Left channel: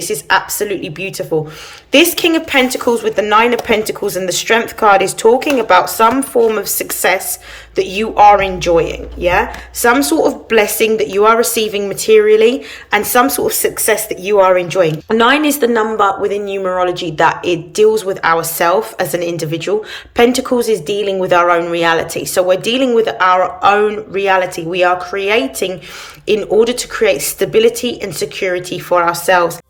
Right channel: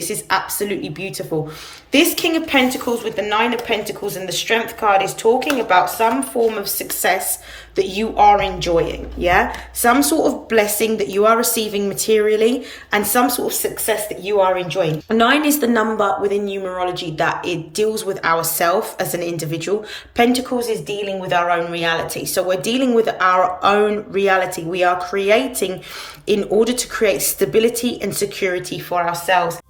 This is absolutely beautiful. This King of Pentacles with the Nine of Pentacles and the Strength card is talking about some form of success that you are enjoying, yeah? Some sort of blessing that you are receiving materially and some sort of success that you are enjoying. 9 is the number within numerology that it deals with ourselves as an individual. Pentacles is dealing with our own reality. So we're dealing with our own reality. We are creating in order to create stability and security for ourselves.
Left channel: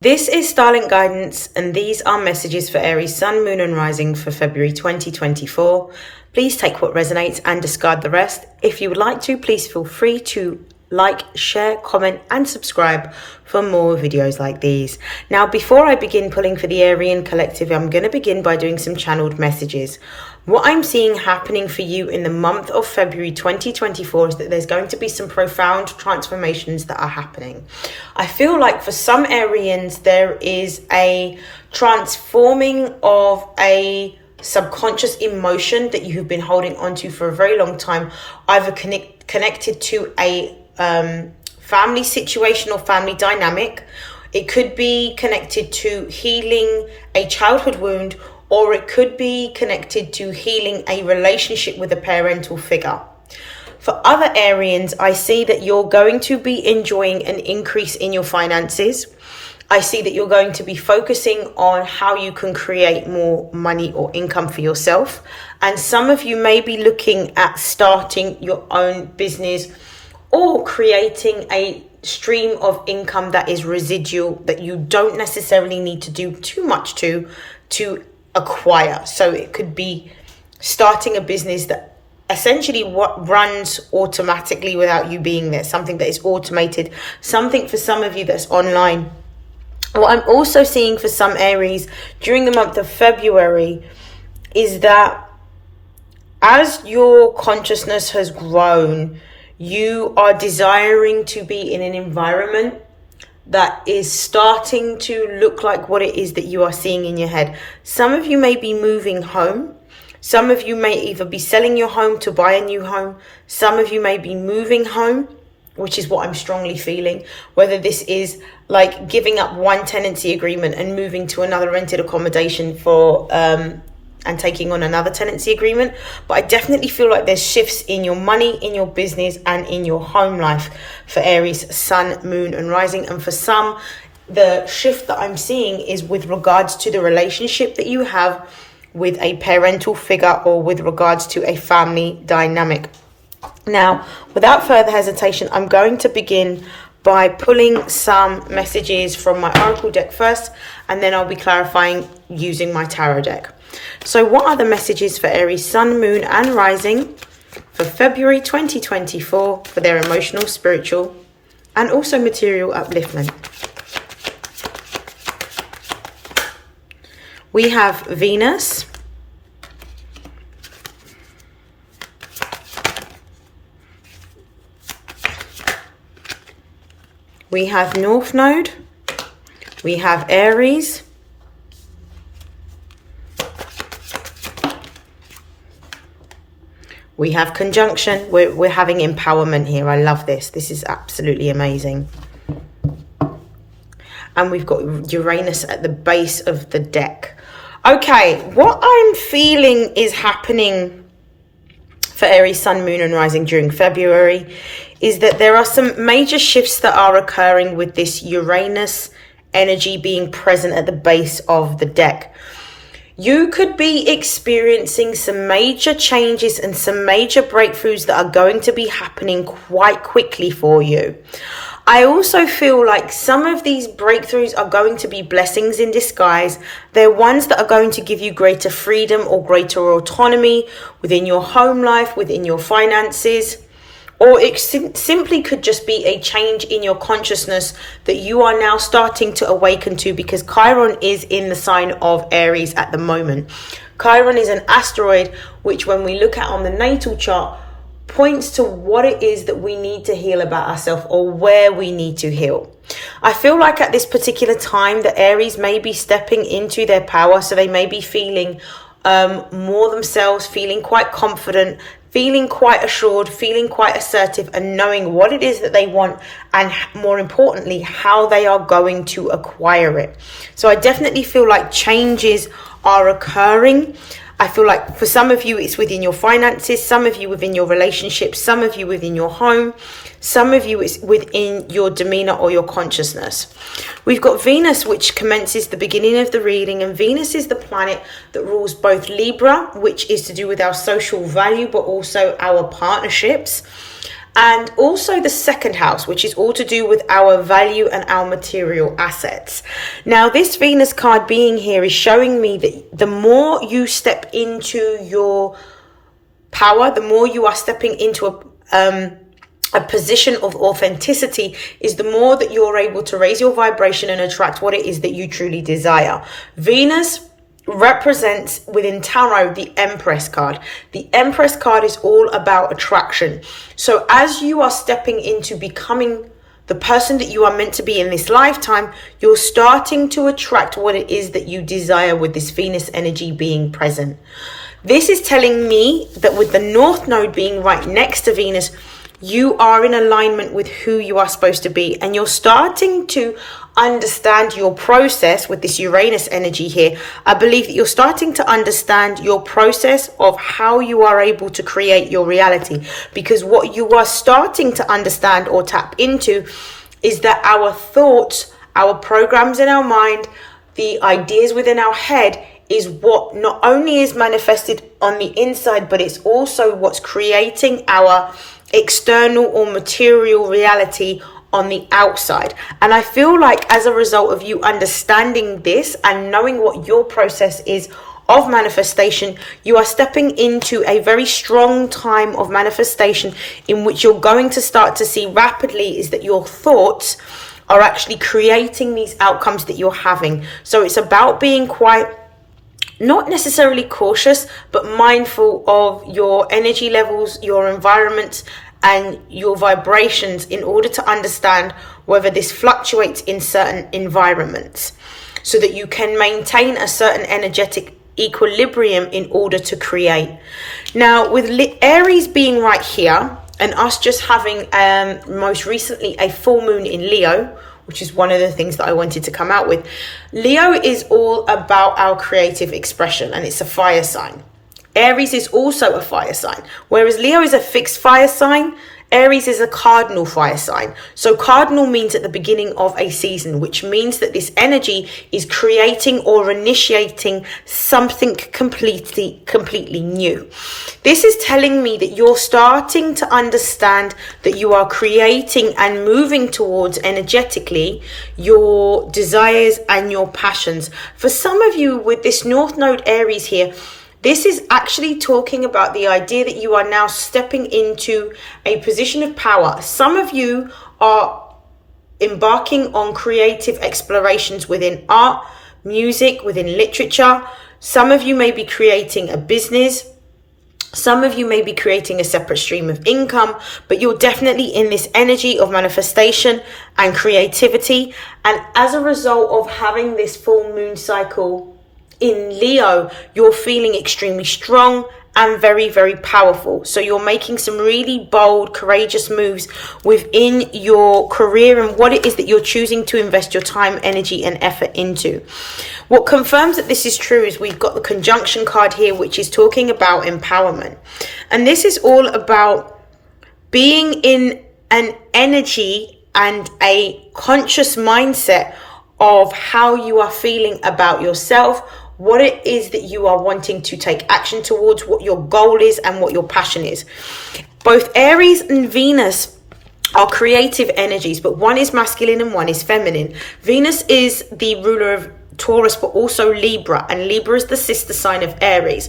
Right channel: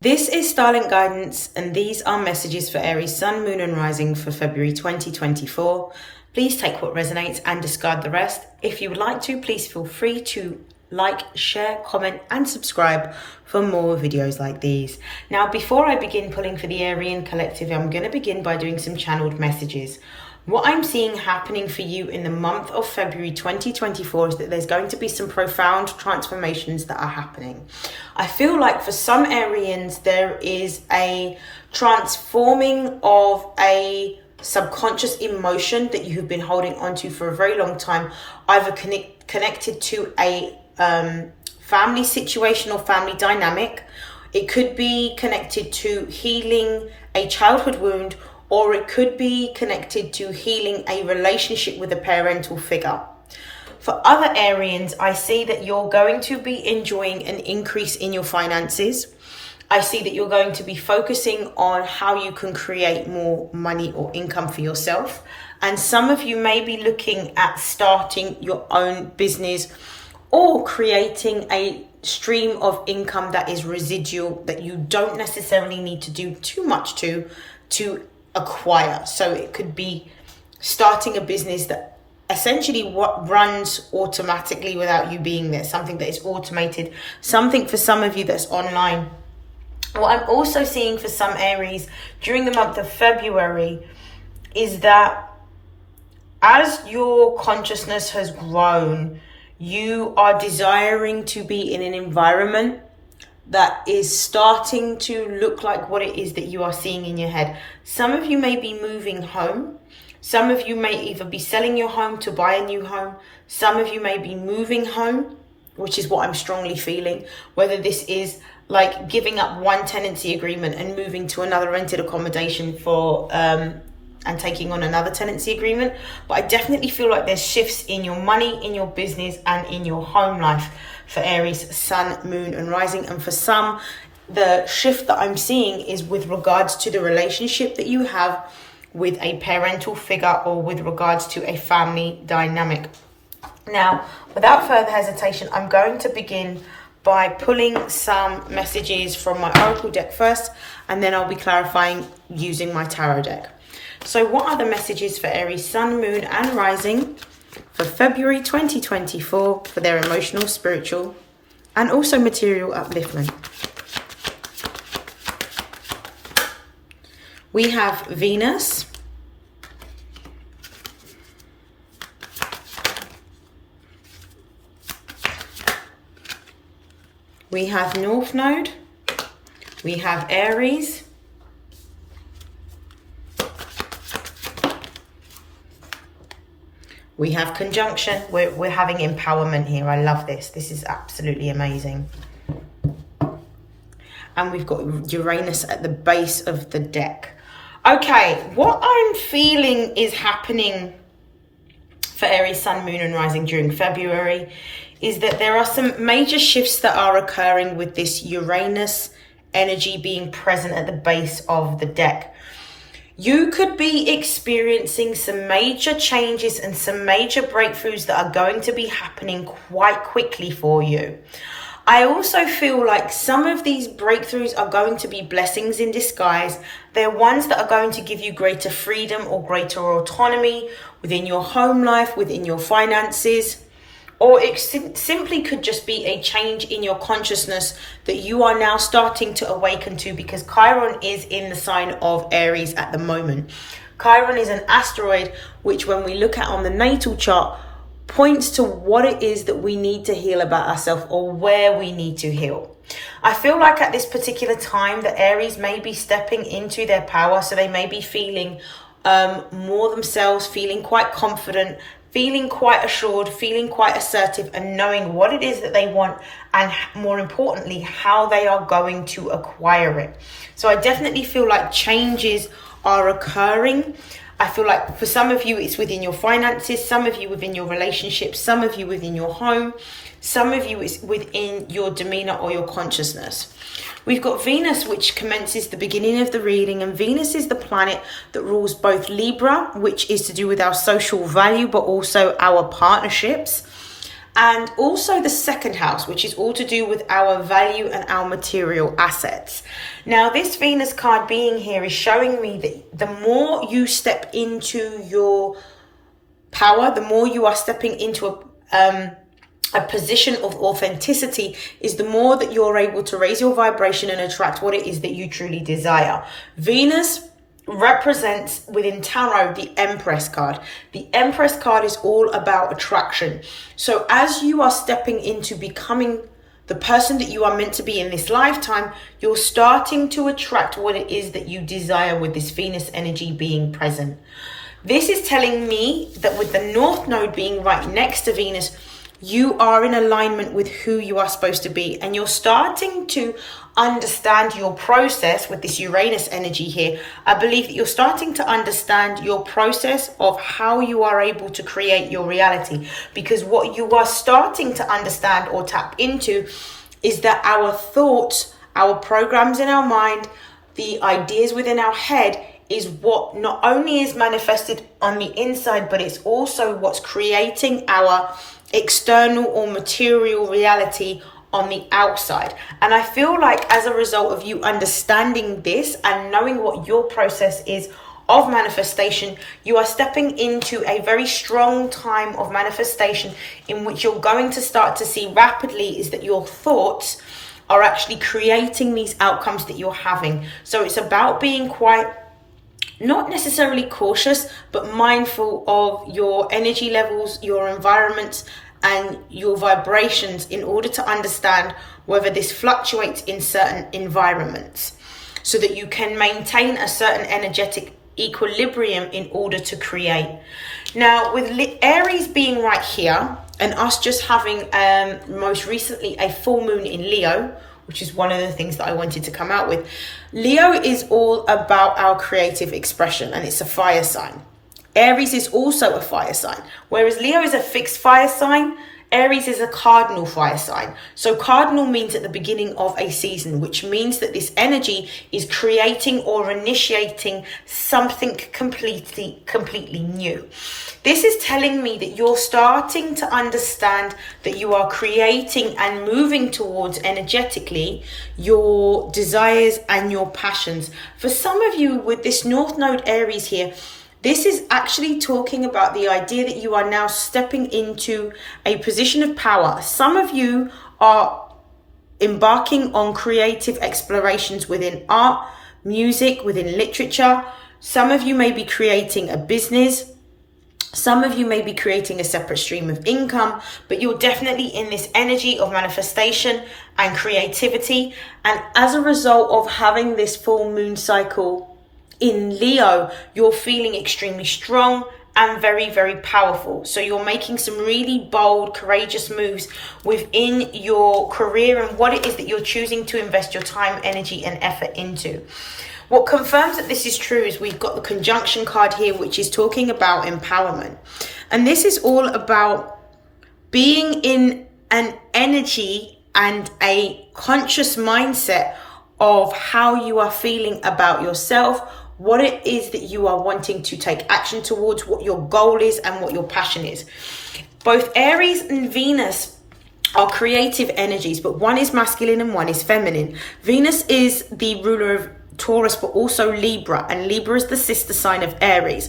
This is StarLink guidance, and these are messages for Aries Sun, Moon and Rising for February 2024. Please take what resonates and discard the rest. If you would like to, please feel free to like, share, comment and subscribe for more videos like these. Now, before I begin pulling for the Aryan collective, I'm going to begin by doing some channeled messages. What I'm seeing happening for you in the month of February 2024 is that there's going to be some profound transformations that are happening. I feel like for some Arians, there is a transforming of a subconscious emotion that you have been holding onto for a very long time, either connected to a family situation or family dynamic. It could be connected to healing a childhood wound, or it could be connected to healing a relationship with a parental figure. For other Arians, I see that you're going to be enjoying an increase in your finances. I see that you're going to be focusing on how you can create more money or income for yourself. And some of you may be looking at starting your own business or creating a stream of income that is residual, that you don't necessarily need to do too much to acquire. So it could be starting a business that essentially what runs automatically without you being there, something that is automated, something for some of you that's online. What I'm also seeing for some Aries during the month of February is that as your consciousness has grown, you are desiring to be in an environment that is starting to look like what it is that you are seeing in your head. Some of you may be moving home. Some of you may either be selling your home to buy a new home. Some of you may be moving home, which is what I'm strongly feeling. Whether this is like giving up one tenancy agreement and moving to another rented accommodation for and taking on another tenancy agreement. But I definitely feel like there's shifts in your money, in your business and in your home life for Aries, Sun, Moon and Rising. And for some, the shift that I'm seeing is with regards to the relationship that you have with a parental figure or with regards to a family dynamic. Now, without further hesitation, I'm going to begin by pulling some messages from my Oracle deck first, and then I'll be clarifying using my Tarot deck. So what are the messages for Aries, Sun, Moon and Rising for February 2024 for their emotional, spiritual and also material upliftment? We have Venus, we have North Node, we have Aries, we have conjunction. We're having empowerment here. I love this. This is absolutely amazing. And we've got Uranus at the base of the deck. Okay, what I'm feeling is happening for Aries, Sun, Moon and Rising during February is that there are some major shifts that are occurring with this Uranus energy being present at the base of the deck. You could be experiencing some major changes and some major breakthroughs that are going to be happening quite quickly for you. I also feel like some of these breakthroughs are going to be blessings in disguise. They're ones that are going to give you greater freedom or greater autonomy within your home life, within your finances. Or it simply could just be a change in your consciousness that you are now starting to awaken to, because Chiron is in the sign of Aries at the moment. Chiron is an asteroid which, when we look at on the natal chart, points to what it is that we need to heal about ourselves or where we need to heal. I feel like at this particular time, the Aries may be stepping into their power. So they may be feeling more themselves, feeling quite confident, feeling quite assured, feeling quite assertive, and knowing what it is that they want, and more importantly, how they are going to acquire it. So I definitely feel like changes are occurring. I feel like for some of you, it's within your finances, some of you within your relationships, some of you within your home, some of you it's within your demeanor or your consciousness. We've got Venus, which commences the beginning of the reading, and Venus is the planet that rules both Libra, which is to do with our social value, but also our partnerships, and also the second house, which is all to do with our value and our material assets. Now, this Venus card being here is showing me that the more you step into your power, the more you are stepping into a position of authenticity, is the more that you're able to raise your vibration and attract what it is that you truly desire. Venus represents within tarot the Empress card. The Empress card is all about attraction. So as you are stepping into becoming the person that you are meant to be in this lifetime, you're starting to attract what it is that you desire with this Venus energy being present. This is telling me that with the North Node being right next to Venus, you are in alignment with who you are supposed to be, and you're starting to understand your process with this Uranus energy here. I believe that you're starting to understand your process of how you are able to create your reality, because what you are starting to understand or tap into is that our thoughts, our programs in our mind, the ideas within our head is what not only is manifested on the inside, but it's also what's creating our external or material reality on the outside. And I feel like as a result of you understanding this and knowing what your process is of manifestation, you are stepping into a very strong time of manifestation in which you're going to start to see rapidly is that your thoughts are actually creating these outcomes that you're having. So it's about being quite, not necessarily cautious, but mindful of your energy levels, your environment, and your vibrations in order to understand whether this fluctuates in certain environments so that you can maintain a certain energetic equilibrium in order to create. Now, with Aries being right here and us just having most recently a full moon in Leo, which is one of the things that I wanted to come out with. Leo is all about our creative expression, and it's a fire sign. Aries is also a fire sign. Whereas Leo is a fixed fire sign, Aries is a cardinal fire sign. So cardinal means at the beginning of a season, which means that this energy is creating or initiating something completely new. This is telling me that you're starting to understand that you are creating and moving towards energetically your desires and your passions. For some of you with this North Node Aries here, this is actually talking about the idea that you are now stepping into a position of power. Some of you are embarking on creative explorations within art, music, within literature. Some of you may be creating a business. Some of you may be creating a separate stream of income, but you're definitely in this energy of manifestation and creativity. And as a result of having this full moon cycle in Leo, you're feeling extremely strong and very, very powerful. So you're making some really bold, courageous moves within your career and what it is that you're choosing to invest your time, energy, and effort into. What confirms that this is true is we've got the conjunction card here, which is talking about empowerment. And this is all about being in an energy and a conscious mindset of how you are feeling about yourself, what it is that you are wanting to take action towards, what your goal is and what your passion is. Both Aries and Venus are creative energies, but one is masculine and one is feminine. Venus is the ruler of Taurus, but also Libra, and Libra is the sister sign of Aries.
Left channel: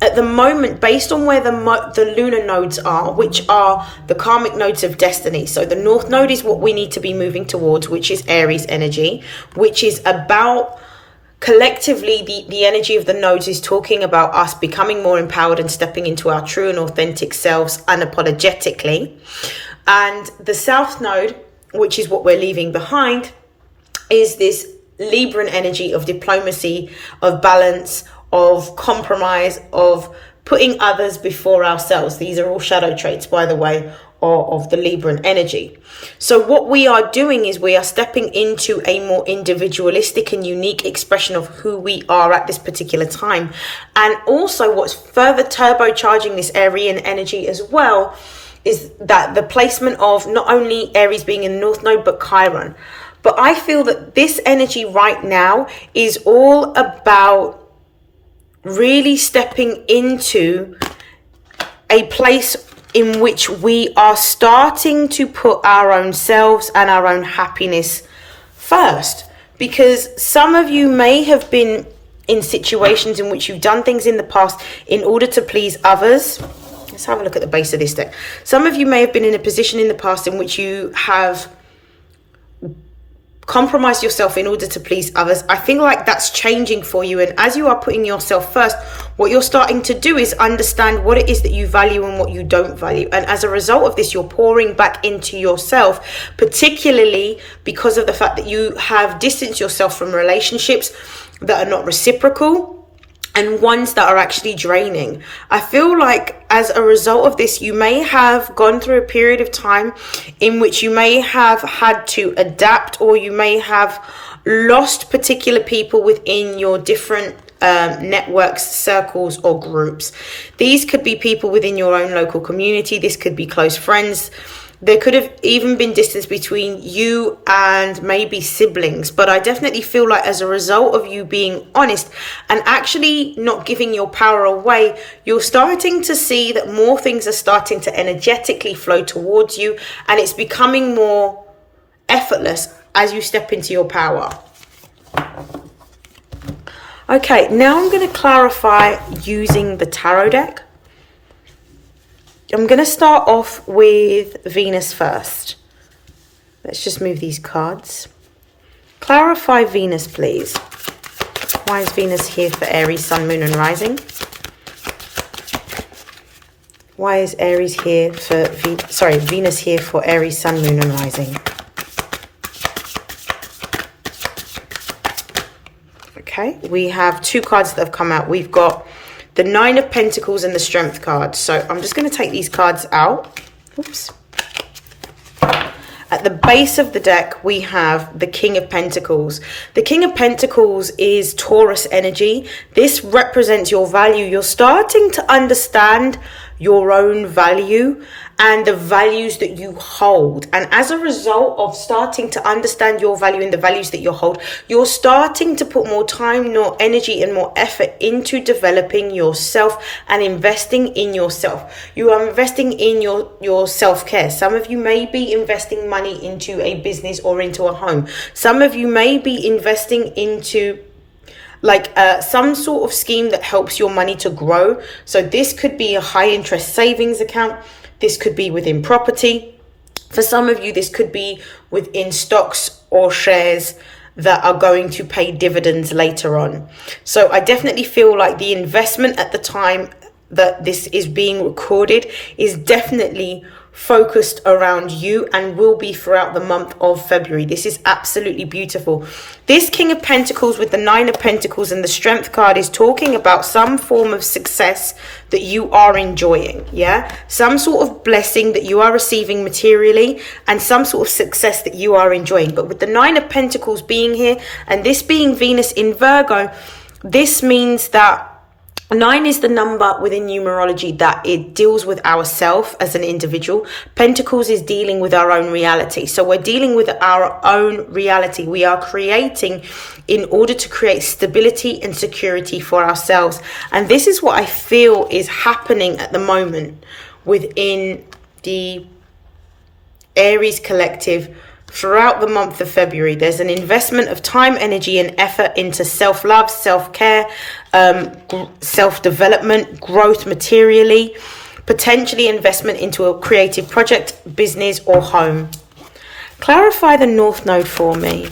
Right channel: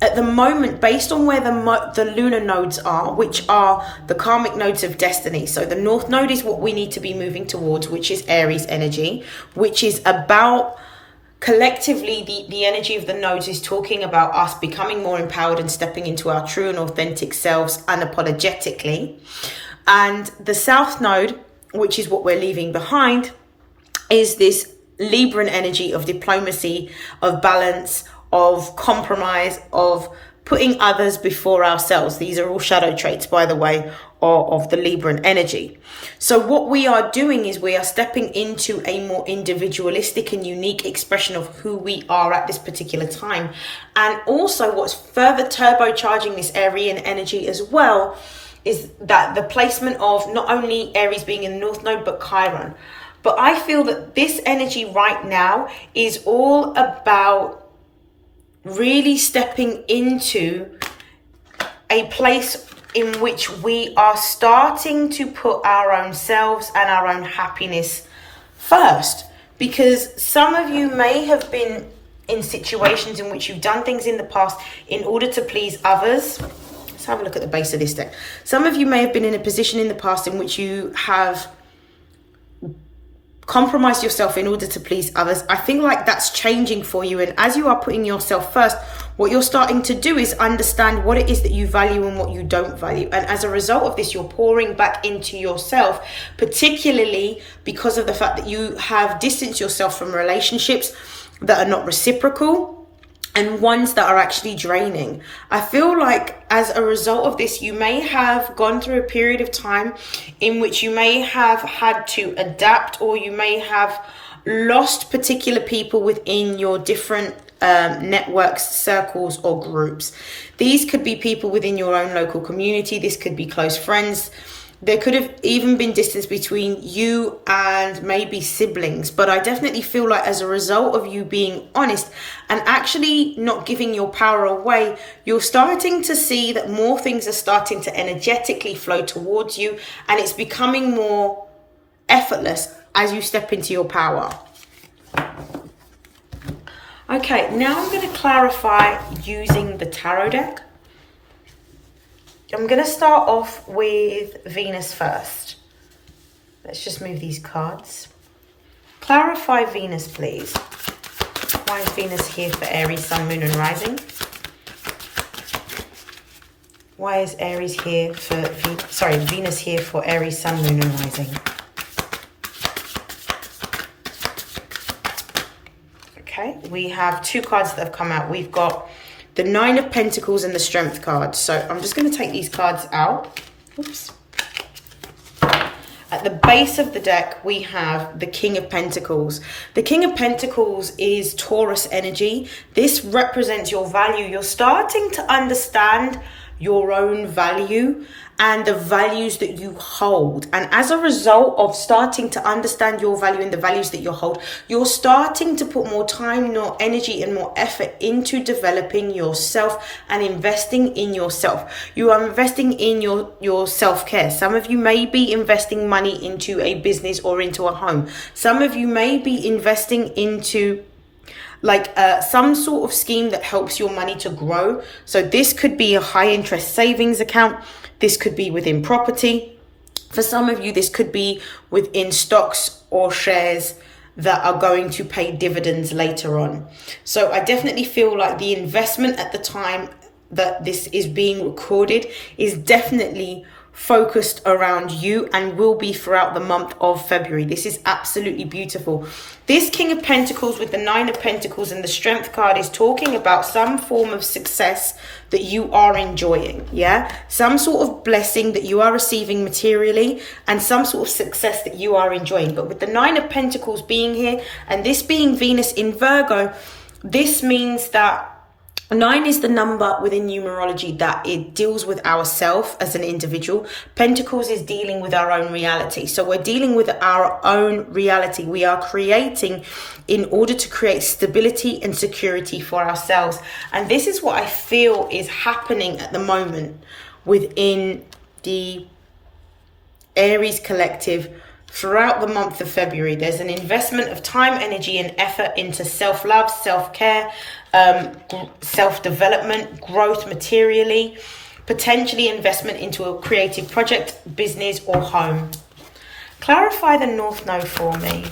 At the moment, based on where the lunar nodes are, which are the karmic nodes of destiny. So the North Node is what we need to be moving towards, which is Aries energy, which is about collectively the energy of the nodes is talking about us becoming more empowered and stepping into our true and authentic selves unapologetically. And the South Node, which is what we're leaving behind, is this Libran energy of diplomacy, of balance, of compromise, of putting others before ourselves. These are all shadow traits, by the way, of the Libran energy. So what we are doing is we are stepping into a more individualistic and unique expression of who we are at this particular time. And also what's further turbocharging this Aryan energy as well is that the placement of not only Aries being in the North Node, but Chiron. But I feel that this energy right now is all about really stepping into a place in which we are starting to put our own selves and our own happiness first. Because some of you may have been in situations in which you've done things in the past in order to please others. Let's have a look at the base of this deck. Some of you may have been in a position in the past in which you have compromise yourself in order to please others. I feel like that's changing for you, and as you are putting yourself first, what you're starting to do is understand what it is that you value and what you don't value, and as a result of this, you're pouring back into yourself, particularly because of the fact that you have distanced yourself from relationships that are not reciprocal and ones that are actually draining. I feel like as a result of this, you may have gone through a period of time in which you may have had to adapt, or you may have lost particular people within your different networks, circles, or groups. These could be people within your own local community. This could be close friends. There could have even been distance between you and maybe siblings. But I definitely feel like as a result of you being honest and actually not giving your power away, you're starting to see that more things are starting to energetically flow towards you, and it's becoming more effortless as you step into your power. Okay, now I'm going to clarify using the tarot deck. I'm going to start off with Venus first. Let's just move these cards. Clarify Venus, please. Why is Venus here for Aries, Sun, Moon, and Rising? Why is Aries here for... Venus here for Aries, Sun, Moon, and Rising? Okay, we have two cards that have come out. We've got the Nine of Pentacles and the Strength card. So I'm just going to take these cards out. Oops. At the base of the deck, we have the King of Pentacles. The King of Pentacles is Taurus energy. This represents your value. You're starting to understand your own value and the values that you hold. And as a result of starting to understand your value and the values that you hold, you're starting to put more time, more energy, and more effort into developing yourself and investing in yourself. You are investing in your self-care. Some of you may be investing money into a business or into a home. Some of you may be investing into some sort of scheme that helps your money to grow. So this could be a high interest savings account. This could be within property. For some of you, this could be within stocks or shares that are going to pay dividends later on. So I definitely feel like the investment at the time that this is being recorded is definitely focused around you and will be throughout the month of February. This is absolutely beautiful. This King of Pentacles with the Nine of Pentacles and the Strength card is talking about some form of success that you are enjoying, yeah? Some sort of blessing that you are receiving materially and some sort of success that you are enjoying. But with the Nine of Pentacles being here and this being Venus in Virgo, this means that 9 is the number within numerology that it deals with ourselves as an individual. Pentacles is dealing with our own reality. So we're dealing with our own reality. We are creating in order to create stability and security for ourselves. And this is what I feel is happening at the moment within the Aries collective. Throughout the month of February, there's an investment of time, energy, and effort into self-love, self-care, self-development, growth materially, potentially investment into a creative project, business, or home. Clarify the North Node for me.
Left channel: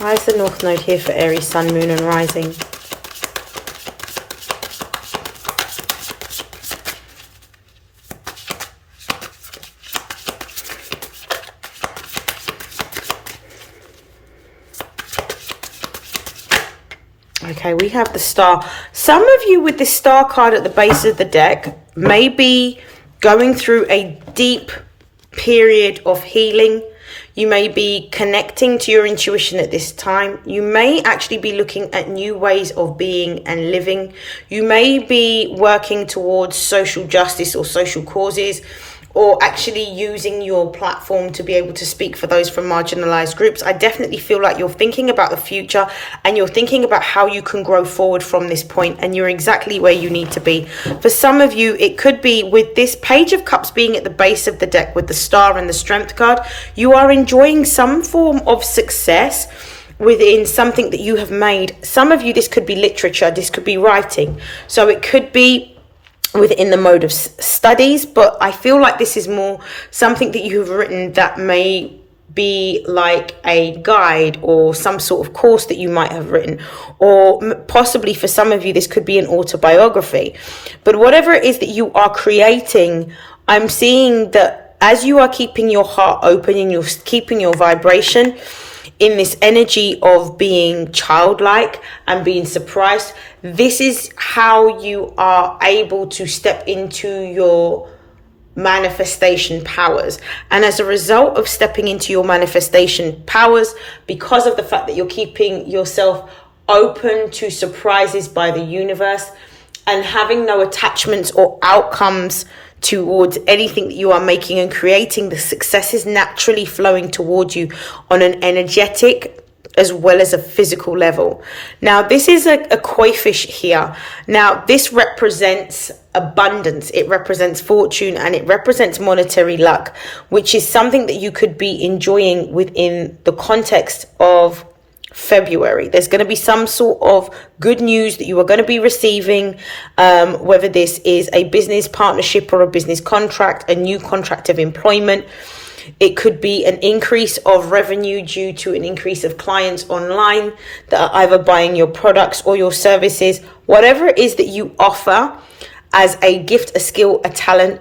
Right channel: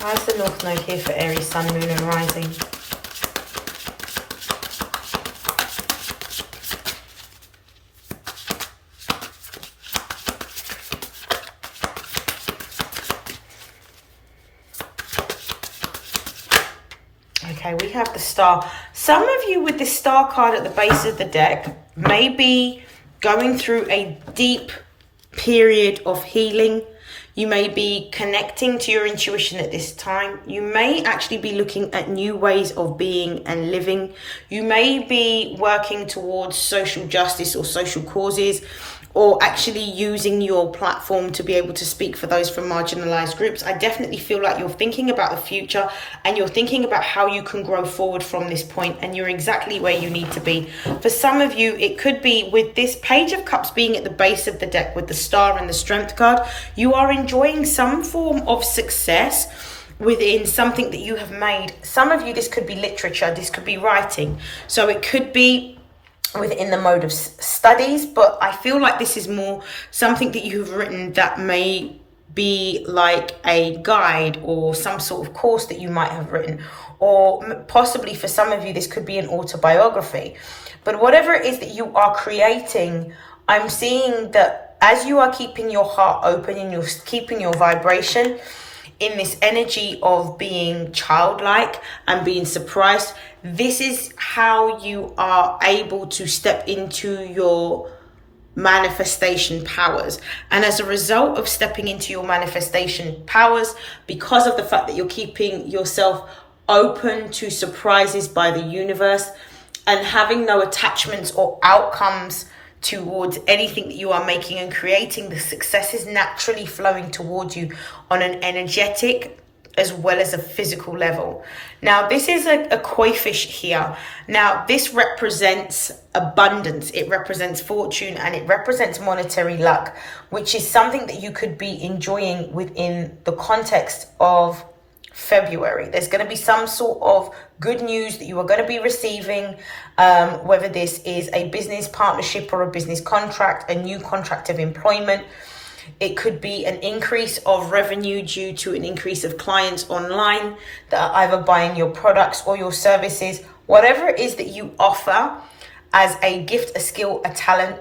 Why is the North Node here for Aries, Sun, Moon, and Rising? Okay, we have the Star. Some of you with the Star card at the base of the deck may be going through a deep period of healing. You may be connecting to your intuition at this time. You may actually be looking at new ways of being and living. You may be working towards social justice or social causes, or actually using your platform to be able to speak for those from marginalized groups. I definitely feel like you're thinking about the future and you're thinking about how you can grow forward from this point, and you're exactly where you need to be. For some of you, it could be with this Page of Cups being at the base of the deck with the Star and the Strength card, you are enjoying some form of success within something that you have made. Some of you, this could be literature, this could be writing. So it could be within the mode of studies, but I feel like this is more something that you have written that may be like a guide or some sort of course that you might have written, or possibly for some of you this could be an autobiography. But whatever it is that you are creating, I'm seeing that as you are keeping your heart open and you're keeping your vibration in this energy of being childlike and being surprised, this is how you are able to step into your manifestation powers. And as a result of stepping into your manifestation powers, because of the fact that you're keeping yourself open to surprises by the universe and having no attachments or outcomes towards anything that you are making and creating, the success is naturally flowing towards you on an energetic as well as a physical level. Now, this is a koi fish here. Now, this represents abundance, it represents fortune, and it represents monetary luck, which is something that you could be enjoying within the context of February. There's going to be some sort of good news that you are going to be receiving, whether this is a business partnership or a business contract, a new contract of employment. It could be an increase of revenue due to an increase of clients online that are either buying your products or your services. Whatever it is that you offer as a gift, a skill, a talent,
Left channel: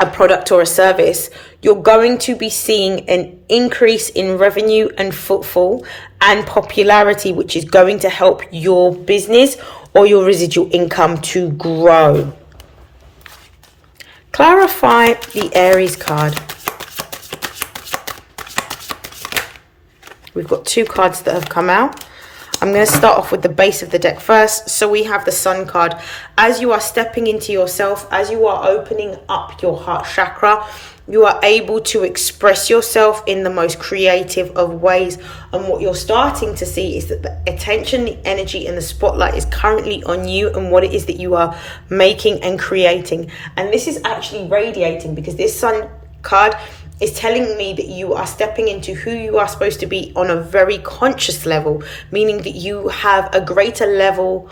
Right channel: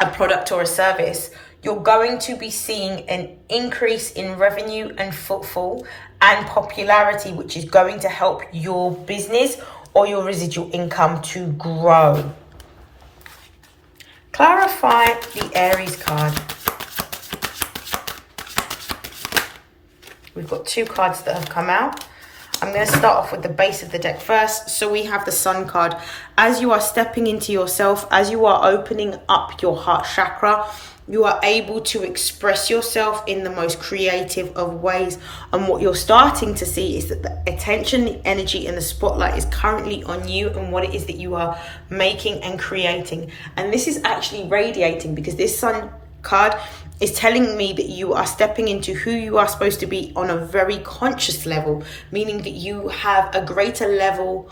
a product or a service, you're going to be seeing an increase in revenue and footfall and popularity, which is going to help your business or your residual income to grow. Clarify the Aries card. We've got two cards that have come out. I'm going to start off with the base of the deck first. So we have the Sun card. As you are stepping into yourself, as you are opening up your heart chakra, you are able to express yourself in the most creative of ways. And what you're starting to see is that the attention, the energy, and the spotlight is currently on you and what it is that you are making and creating. And this is actually radiating, because this Sun card is telling me that you are stepping into who you are supposed to be on a very conscious level, meaning that you have a greater level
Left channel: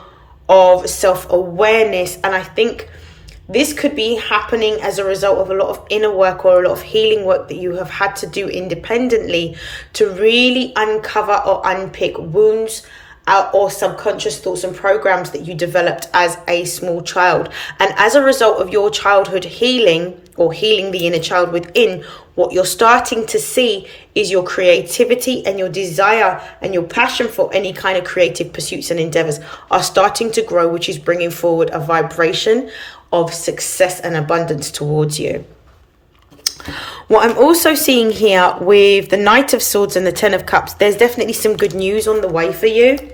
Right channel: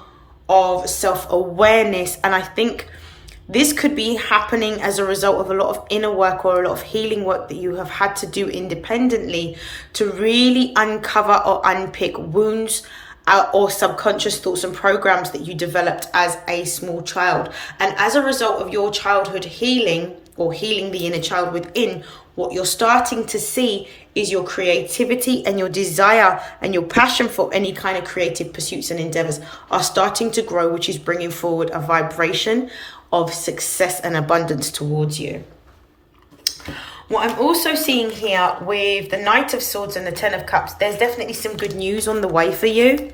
of self-awareness. And I think this could be happening as a result of a lot of inner work or a lot of healing work that you have had to do independently to really uncover or unpick wounds or subconscious thoughts and programs that you developed as a small child. And as a result of your childhood healing, or healing the inner child within, what you're starting to see is your creativity and your desire and your passion for any kind of creative pursuits and endeavors are starting to grow, which is bringing forward a vibration of success and abundance towards you. What I'm also seeing here with the Knight of Swords and the Ten of Cups, there's definitely some good news on the way for you.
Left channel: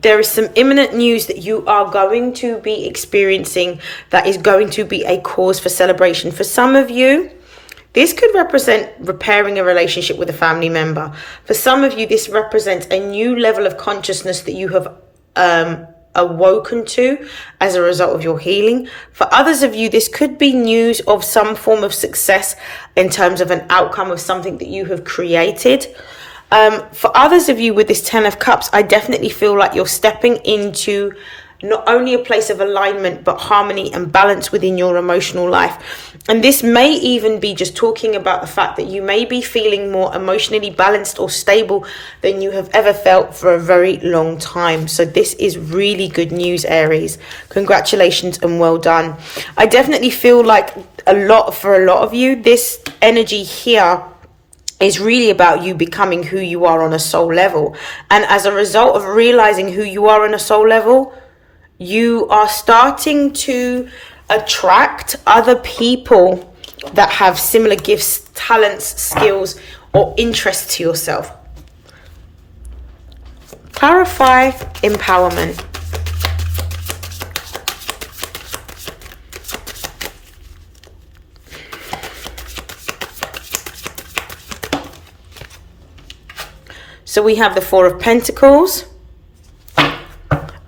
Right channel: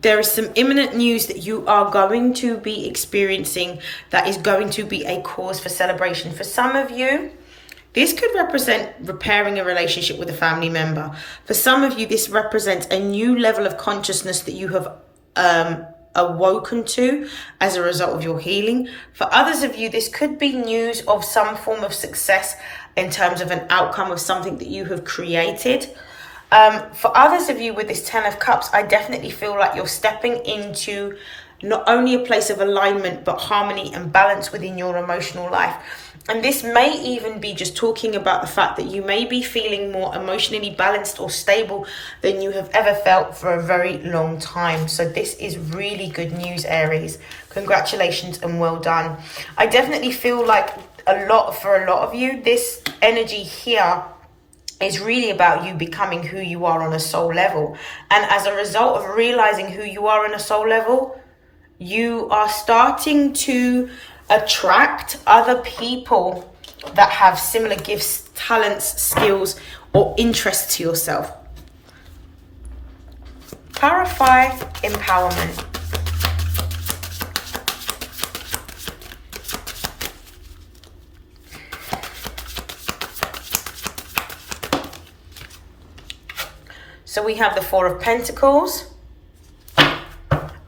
There is some imminent news that you are going to be experiencing that is going to be a cause for celebration. For some of you, this could represent repairing a relationship with a family member. For some of you, this represents a new level of consciousness that you have awoken to as a result of your healing. For others of you, this could be news of some form of success in terms of an outcome of something that you have created. For others of you with this Ten of Cups, I definitely feel like you're stepping into not only a place of alignment, but harmony and balance within your emotional life. And this may even be just talking about the fact that you may be feeling more emotionally balanced or stable than you have ever felt for a very long time. So this is really good news, Aries. Congratulations and well done. I definitely feel like for a lot of you, this energy here is really about you becoming who you are on a soul level. And as a result of realizing who you are on a soul level, you are starting to attract other people that have similar gifts, talents, skills, or interests to yourself. Clarify empowerment. So we have the Four of Pentacles.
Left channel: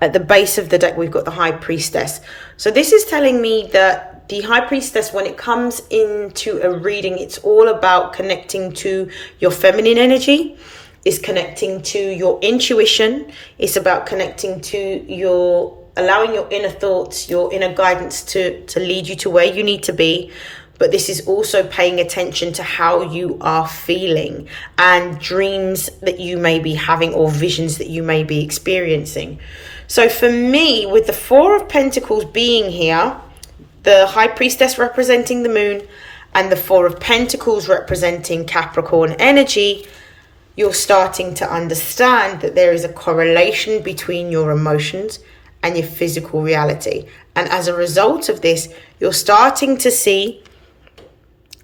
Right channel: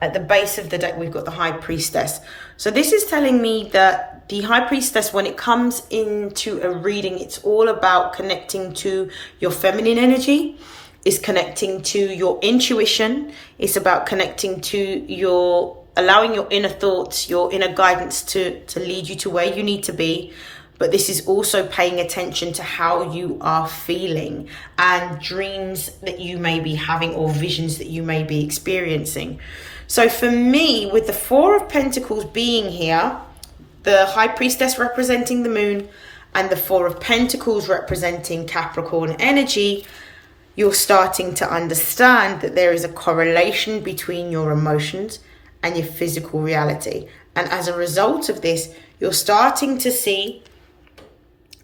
At the base of the deck, we've got the High Priestess. So this is telling me that the High Priestess, when it comes into a reading, it's all about connecting to your feminine energy. It's connecting to your intuition. It's about connecting to allowing your inner thoughts, your inner guidance to lead you to where you need to be. But this is also paying attention to how you are feeling and dreams that you may be having or visions that you may be experiencing. So for me, with the Four of Pentacles being here, the High Priestess representing the moon and the Four of Pentacles representing Capricorn energy, you're starting to understand that there is a correlation between your emotions and your physical reality. And as a result of this, you're starting to see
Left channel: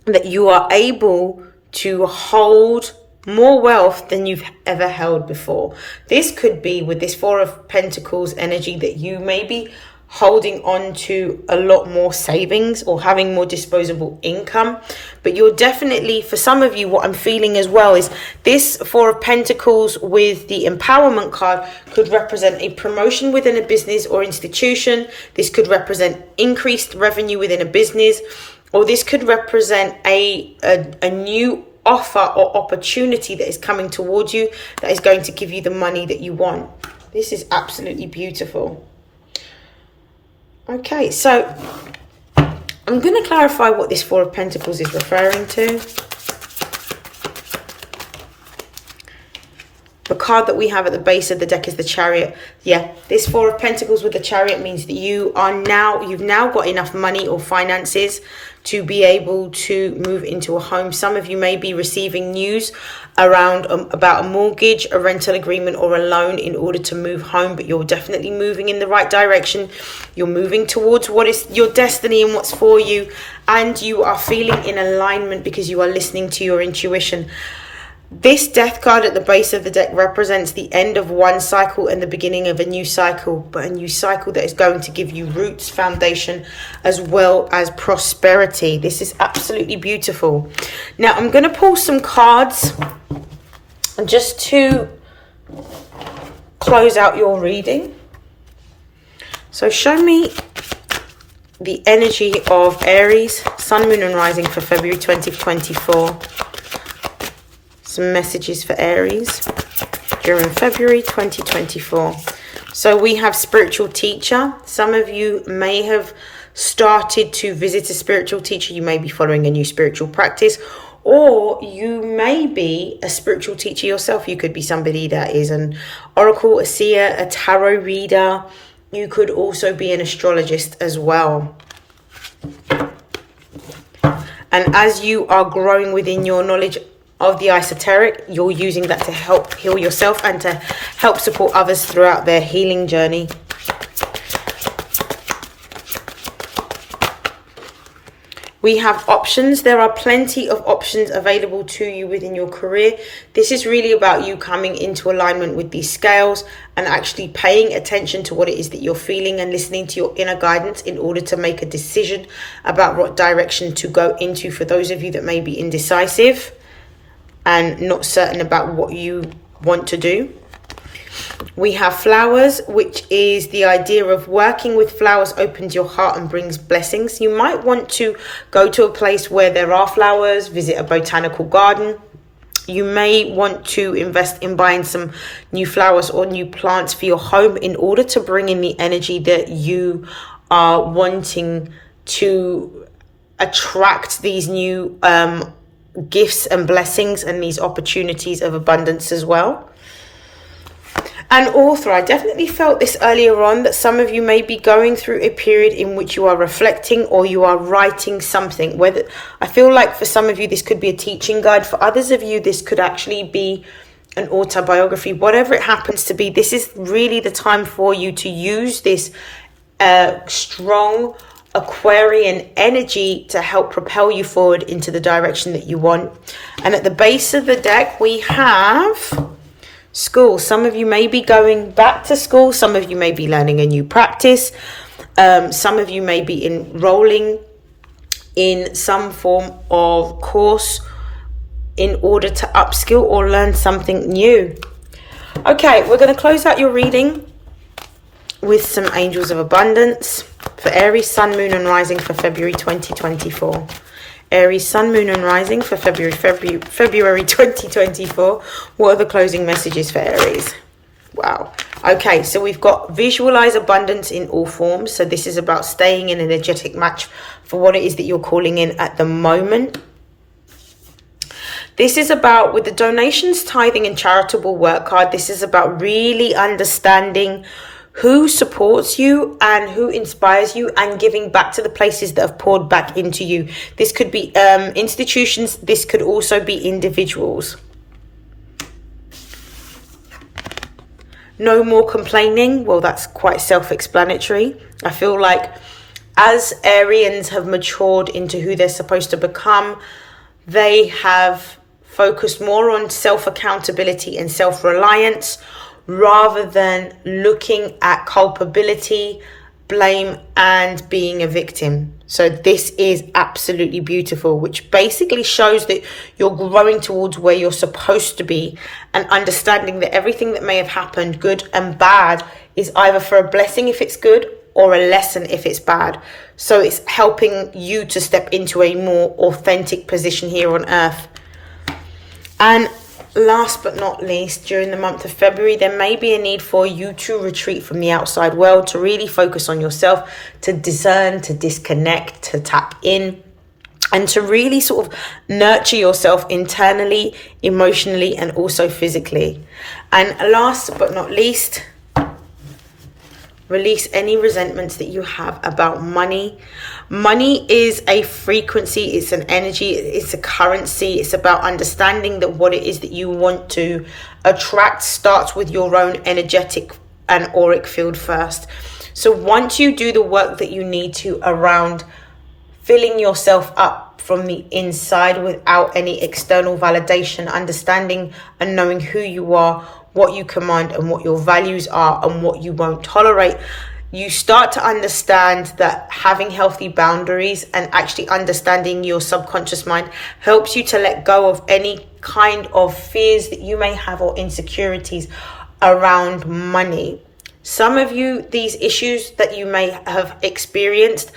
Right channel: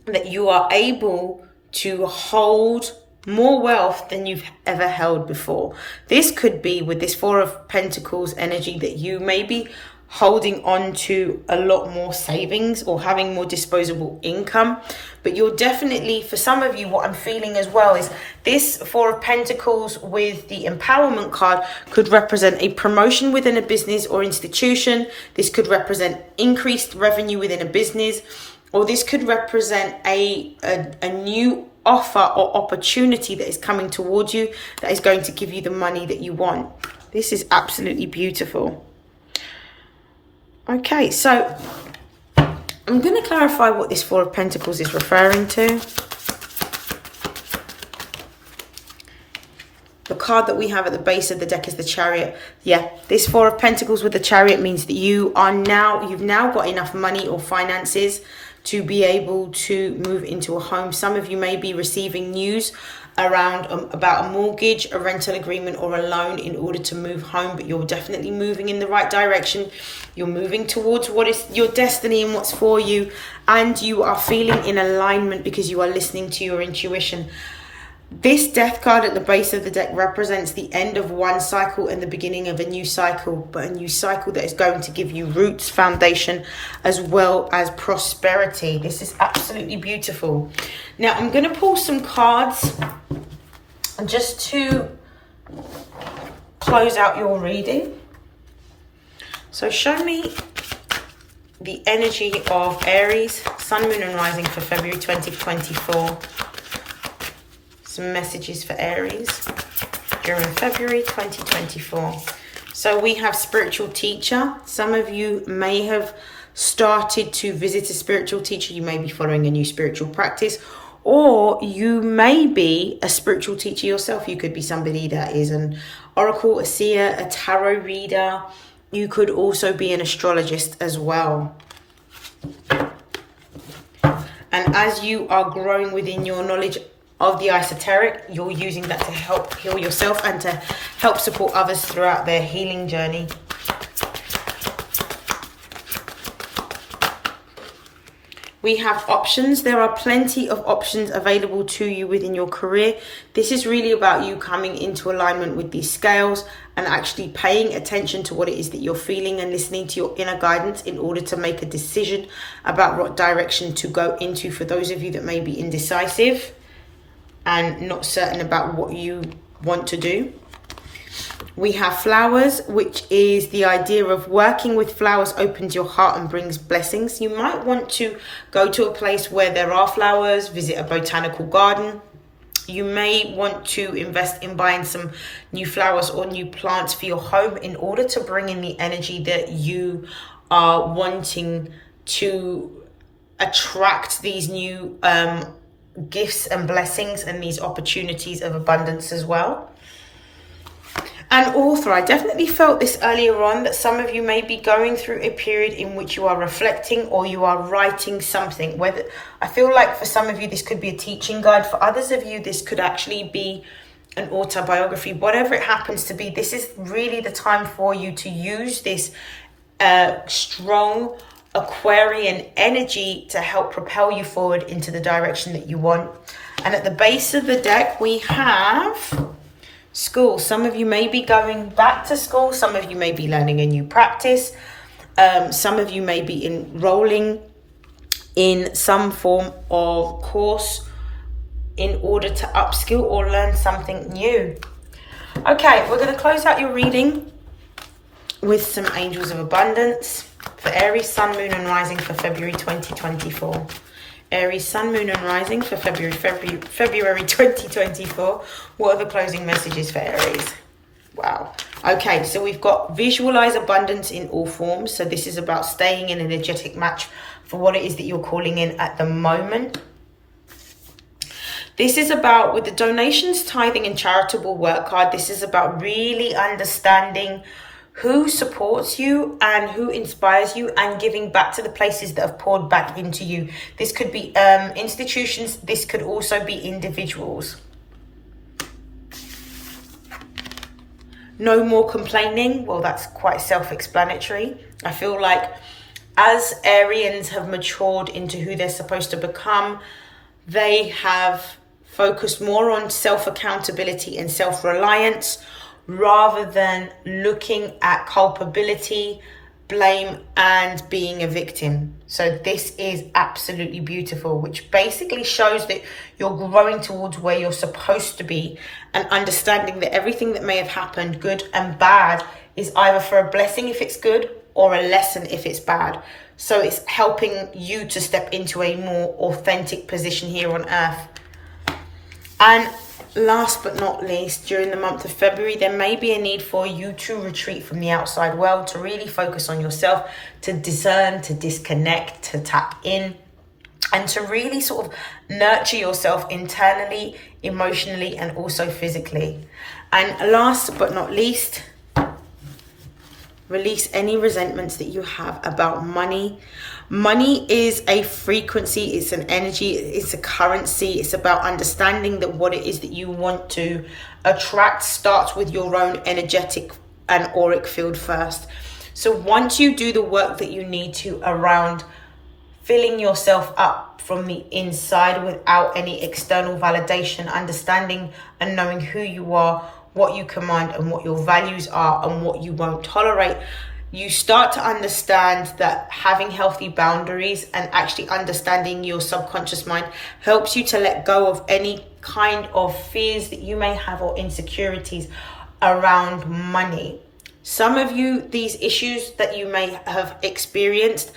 that you are able to hold more wealth than you've ever held before. This could be with this Four of Pentacles energy that you may be holding on to a lot more savings or having more disposable income. But you're definitely, for some of you, what I'm feeling as well is this Four of Pentacles with the empowerment card could represent a promotion within a business or institution. This could represent increased revenue within a business, or this could represent a new offer or opportunity that is coming towards you that is going to give you the money that you want. This is absolutely beautiful. Okay, so I'm going to clarify what this Four of Pentacles is referring to. The card that we have at the base of the deck is the Chariot. Yeah, this Four of Pentacles with the Chariot means that you've now got enough money or finances to be able to move into a home. Some of you may be receiving news around about a mortgage, a rental agreement, or a loan in order to move home, but you're definitely moving in the right direction. You're moving towards what is your destiny and what's for you, and you are feeling in alignment because you are listening to your intuition. This Death card at the base of the deck represents the end of one cycle and the beginning of a new cycle, but a new cycle that is going to give you roots, foundation, as well as prosperity. This is absolutely beautiful. Now, I'm going to pull some cards just to close out your reading. So show me the energy of Aries, Sun, Moon, and Rising for February 2024. Some messages for Aries during February 2024. So we have spiritual teacher. Some of you may have started to visit a spiritual teacher. You may be following a new spiritual practice, or you may be a spiritual teacher yourself. You could be somebody that is an oracle, a seer, a tarot reader. You could also be an astrologist as well. And as you are growing within your knowledge of the esoteric, you're using that to help heal yourself and to help support others throughout their healing journey. We have options. There are plenty of options available to you within your career. This is really about you coming into alignment with these scales and actually paying attention to what it is that you're feeling and listening to your inner guidance in order to make a decision about what direction to go into. For those of you that may be indecisive and not certain about what you want to do. We have flowers, which is the idea of working with flowers opens your heart and brings blessings. You might want to go to a place where there are flowers, visit a botanical garden. You may want to invest in buying some new flowers or new plants for your home in order to bring in the energy that you are wanting to attract these new gifts and blessings and these opportunities of abundance as well. And author, I definitely felt this earlier on, that some of you may be going through a period in which you are reflecting or you are writing something. Whether I feel like for some of you this could be a teaching guide, for others of you this could actually be an autobiography. Whatever it happens to be, this is really the time for you to use this strong Aquarian energy to help propel you forward into the direction that you want. And at the base of the deck we have school. Some of you may be going back to school. Some of you may be learning a new practice. Some of you may be enrolling in some form of course in order to upskill or learn something new. Okay, we're going to close out your reading with some angels of abundance for Aries, Sun, Moon and Rising for February 2024. Aries, Sun, Moon and Rising for February 2024. What are the closing messages for Aries? Wow. Okay, so we've got visualize abundance in all forms. So this is about staying in an energetic match for what it is that you're calling in at the moment. This is about, with the donations, tithing and charitable work card, this is about really understanding who supports you and who inspires you and giving back to the places that have poured back into you. This could be institutions. This could also be individuals. No more complaining. Well, that's quite self-explanatory. I feel like as Arians have matured into who they're supposed to become, they have focused more on self-accountability and self-reliance, rather than looking at culpability, blame, and being a victim. So this is absolutely beautiful, which basically shows that you're growing towards where you're supposed to be and understanding that everything that may have happened, good and bad, is either for a blessing if it's good or a lesson if it's bad. So it's helping you to step into a more authentic position here on earth. And last but not least, during the month of February, there may be a need for you to retreat from the outside world, to really focus on yourself, to discern, to disconnect, to tap in, and to really sort of nurture yourself internally, emotionally, and also physically. And last but not least, release any resentments that you have about money. Money is a frequency, it's an energy, it's a currency. It's about understanding that what it is that you want to attract starts with your own energetic and auric field first. So once you do the work that you need to around filling yourself up from the inside without any external validation, understanding and knowing who you are, what you command and what your values are and what you won't tolerate, you start to understand that having healthy boundaries and actually understanding your subconscious mind helps you to let go of any kind of fears that you may have or insecurities around money. Some of you, these issues that you may have experienced,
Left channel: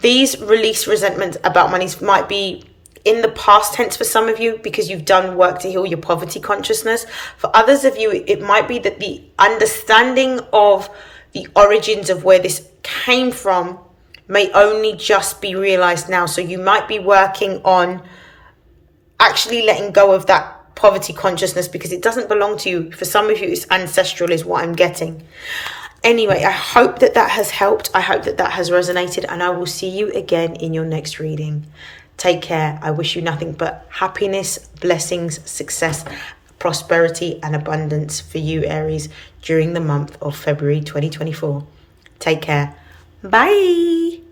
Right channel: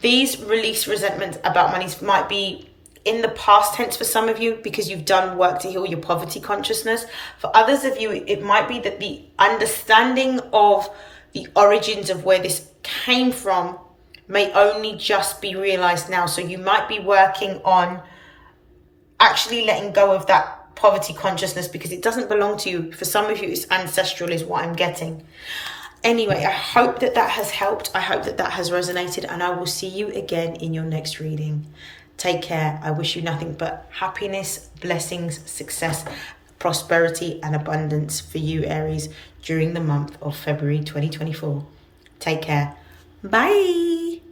these release resentments about money might be in the past tense for some of you because you've done work to heal your poverty consciousness. For others of you, it might be that the understanding of the origins of where this came from may only just be realized now. So you might be working on actually letting go of that poverty consciousness because it doesn't belong to you. For some of you, it's ancestral is what I'm getting. Anyway, I hope that that has helped. I hope that that has resonated, and I will see you again in your next reading. Take care. I wish you nothing but happiness, blessings, success, prosperity, and abundance for you, Aries, during the month of February 2024. Take care. Bye.